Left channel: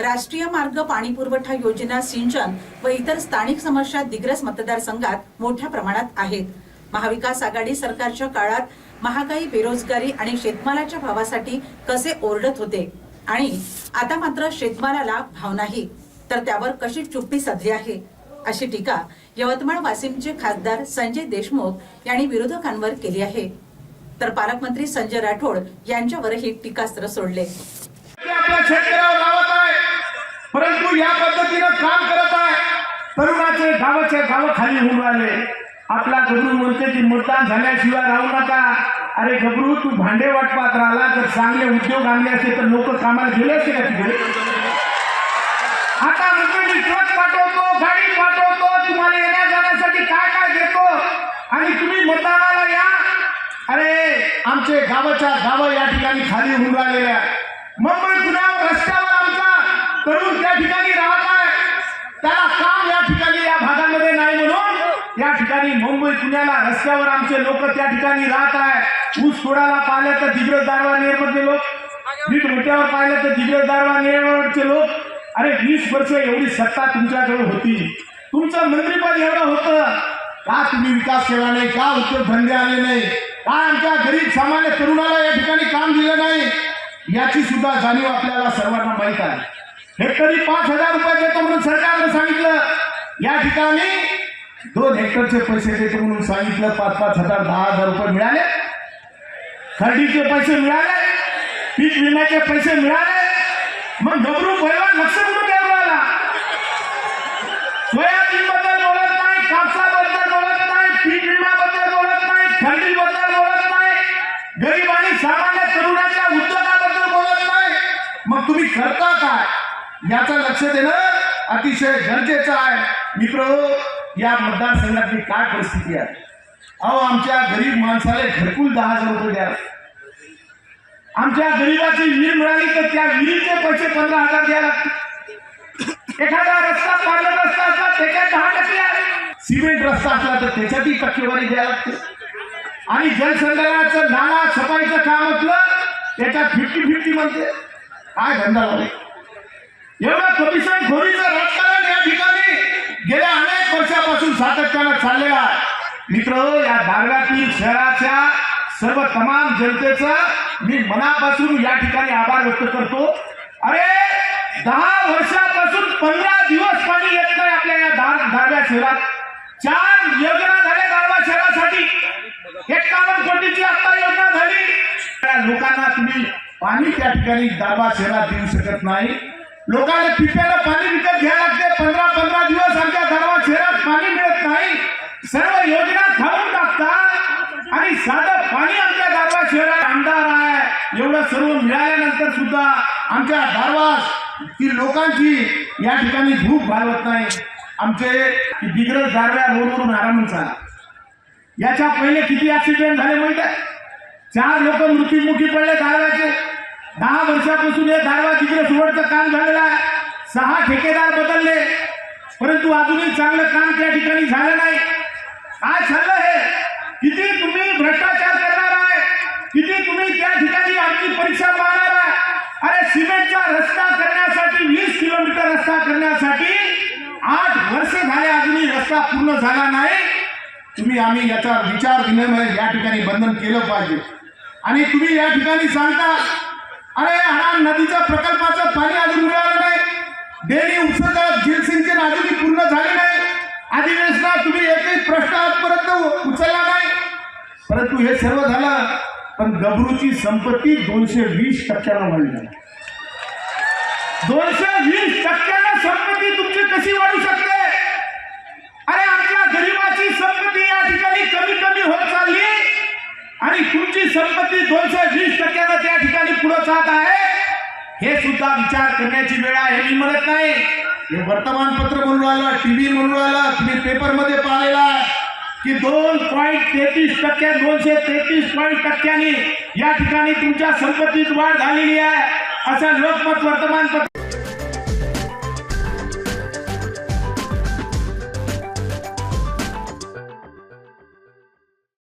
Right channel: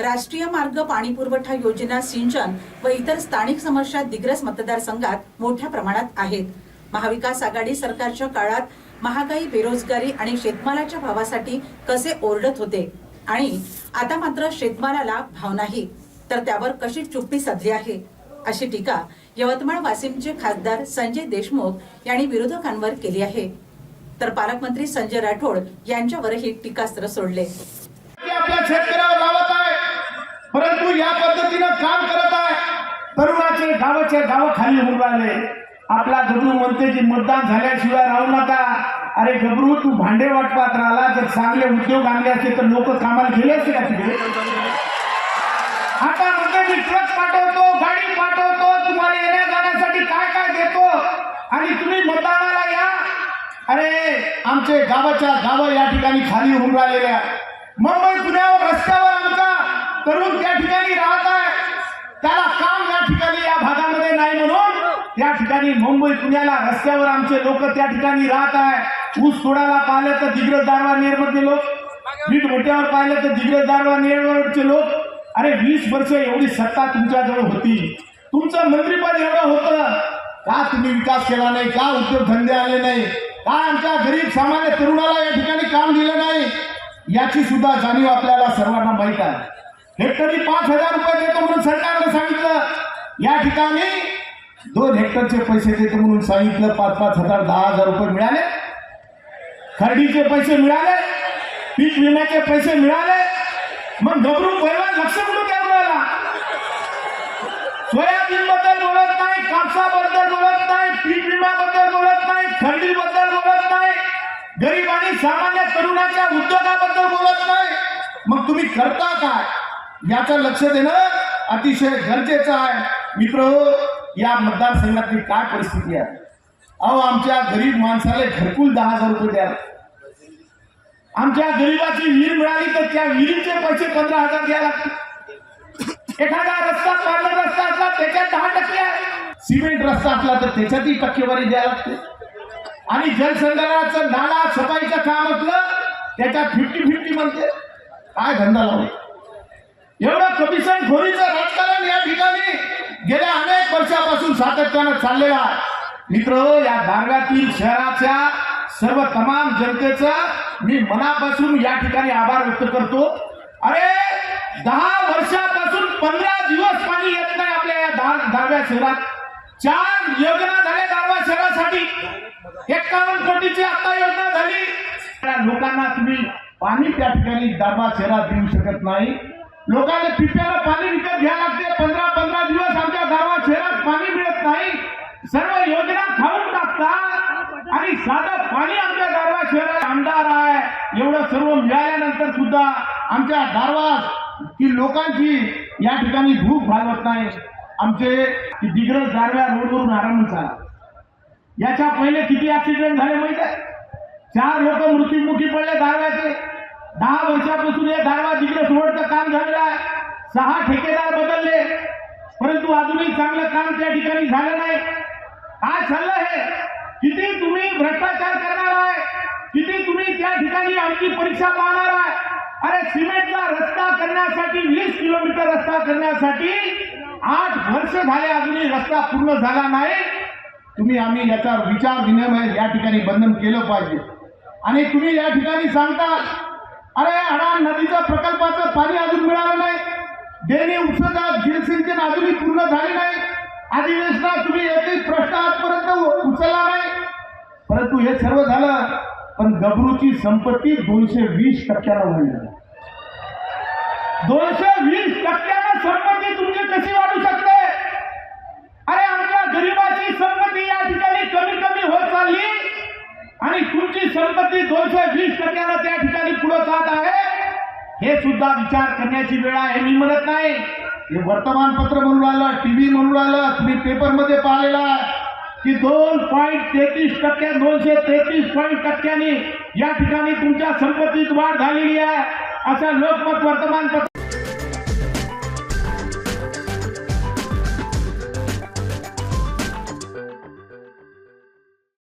राष्ट्रीय मार्ग पाणी पुरवठा योजना सिंचन व इतर स्थानिक समस्या दिग्रस मतदारसंघात मोठ्या प्रमाणात आहेत. महाविकास आघाडी सरकारच्या काळात महागाई बेरोजगारी आणि शेतमालाच्या भावासाठी कसे ओरडत होते? आणि आता मात्र शेतमालाला भाव नाही तर त्यावर कशी चुप्पी साधली आहे? अशी टीका यवतमाळ वाशिमचे खासदार संजय देशमुख यांनी विरोधकांवर केली आहे. तर पालकमंत्री संजय राठोड यांच्यावरही टीकास्त्र सोडले. परंतु या पद्धतीनं काम करत आहे. तरुणाचे गावाचे गाव खाली होऊन राहिले. आपला गबरू म्हणते की मतदान झाल्याशिवाय राहू नका. अरे गबरू तू भांडे वाटपात राहिला. जर चांगले उद्योग आणले असते तर लोक कामाला गेले असते का तिकडे? आता म्हणजे ट्रक पाठवतो गाडी पाठवतो. तुम्हाला येण्या जाण्यासाठी काय काय देतो? आणि तुम्ही मतदानाला या. अरे आमचे गावाच्या गाव या ठिकाणी खाली होऊन राहिलेल्या आहे मुंबई पुण्यावर करून तरुण त्या ठिकाणी राहत आहे. त्याला काम या ठिकाणी या भागामध्ये नाही म्हणून या ठिकाणी मुंबई पुण्याला रस्त्यावर आमचे लोक त्या ठिकाणी राहत आहे. ऊस सोडायला पाहिलं तर दिग्रज दारवा नेरमधले लोक. वीट मोठ्यावर पाहिलं तर दिग्रज दारवा नेरवरचे लोक. अरे वीस वर्ष एवढी सत्ता तुमच्याजवळ होती. तुमचं मंत्रीपद एवढं होतं. का तुम्ही विकास केला नाही? का उद्योगधंदे आले नाही? का आमच्या गरीब सामान्य तरुणाला या ठिकाणी काम दिलं नाही? याची सुद्धा जाणीव आपल्याला सर्वांना माहीत आहे. हेक्टरी पाच हजार रुपये देतो म्हणून सरकारनं सांगितलं? या ठिकाणी दोन हेक्टरचे पैसे देतो म्हणून सांगितलं पाच पाच हजार दहा हजार रुपये मिळाले. खरेडीचे पैसे मिळाले. पीक विम्याचे पैसे मिळाले. मग घबरून पहिला लक्ष कुठे घ्यायला सोयाबीन बद्दल बोलत नाही कापसाबद्दल बोलत नाही पीक विम्याबद्दल बोलत नाही खरेडीबद्दल बोलत नाही. गरीब आणि सामान्य तरुणाच्या उद्योगाबद्दल बोलत नाही. मग तुम्ही करता काय? याचं लक्ष देणं अतिशय गरजेचं आहे. मित्र या मतदारसंघातली काय परिस्थिती आहे? अहो आमच्या गरीब माणसाला घरकुल दहा हजार रुपये द्या. आमच्या गरीबाची विहीर मिळाली तर त्या विहिरीचे पैसे पंधरा हजार द्यायला लागतील. एखादा रस्ता पांढरा रस्ता असला त्याच्यात दहा टक्के सिमेंट रस्ता असला तर त्याच्यातही टक्केवारी द्यायला लागते. आणि जलसंधारणाचं नाळा छपाईचं काम असलं त्याच्यात फिफ्टी फिफ्टी म्हणते. काय धंदा लावला एवढा कमिशन खोरीचं राजकारण या ठिकाणी गेल्या अनेक वर्षापासून सातत्यानं चाललेलं आहे. मित्र या भागातील शहराच्या सर्व तमाम जनतेचं मी मनापासून या ठिकाणी आभार व्यक्त करतो. अरे दहा वर्षापासून पंधरा दिवस पाणी येत नाही आपल्या या दहा दारव्या शहरात. चार योजना झाल्या दारवा शहरासाठी. एकावन्न कोटीची आता योजना झाली. त्या लोकांना तुम्ही पाणी त्या ठिकाणी दारवा शहरात देऊ शकत नाही. लोकांना पिप्याला पाणी विकत घ्यायला लागते. पंधरा पंधरा दिवस आमच्या गावात शहरात पाणी मिळत नाही. सर्व योजना खाऊन टाकतात. आणि साधं पाणी आमच्या गावात शहरात आमदार आहे. एवढं सर्व मिळाल्यानंतर सुद्धा आमच्या दारवा ती लोकांची या ठिकाणी भूक भागवत नाही. आमचे दिग्रज दारव्या रोडवरून आराम झाला याच्या पहिले किती ऍक्सिडेंट झाले माहिती आहे? चार लोक मृत्युमुखी पडले दारव्याचे दहा वर्षापासून हे दारवा तिकडे सोडचं काम झालेलं आहे सहा ठेकेदार बदलले परंतु अजूनही चांगलं काम त्या ठिकाणी झालं नाही. काय झालं हे. किती तुम्ही भ्रष्टाचार करणार आहे किती तुम्ही त्या ठिकाणी आमची परीक्षा पाहणार आहे. अरे सिमेंटचा रस्ता करण्यासाठी वीस किलोमीटर रस्ता करण्यासाठी आठ वर्ष झाले अजूनही रस्ता पूर्ण झाला नाही. तुम्ही आम्ही याचा विचार विनिमय या ठिकाणी बंधन केलं पाहिजे. आणि तुम्ही या ठिकाणी सांगता प्रकल्पाचं पाणी अजून मिळालं नाही. डेअरी उपसा जलसिंचन अजूनही पूर्ण झाले नाही. अधिवेशनात तुम्ही एकही प्रश्न आजपर्यंत उचलला नाही. परंतु हे सर्व झालं पण गबरूची संपत्ती दोनशे वीस टक्क्यानं वाढली. दोनशे वीस टक्क्यानं संपत्ती तुमची कशी वाढू शकते? अरे आपल्या गरीबाची संपत्ती या ठिकाणी कमी कमी होत चालली. आणि तुमची संपत्ती दोनशे हे सुद्धा विचार करण्याची वेळ आहे. मी म्हणत नाही. हे वर्तमानपत्र म्हणून राहिलं टीव्ही म्हणून राहिलं तुम्ही पेपरमध्ये पाहिलेला की दोन पॉईंट तेहतीस टक्के दोनशे तेहतीस पॉईंट टक्क्यांनी या ठिकाणी तुमच्या संपत्तीत वाढ झालेली आहे. असं लोकमत वर्तमानपत्र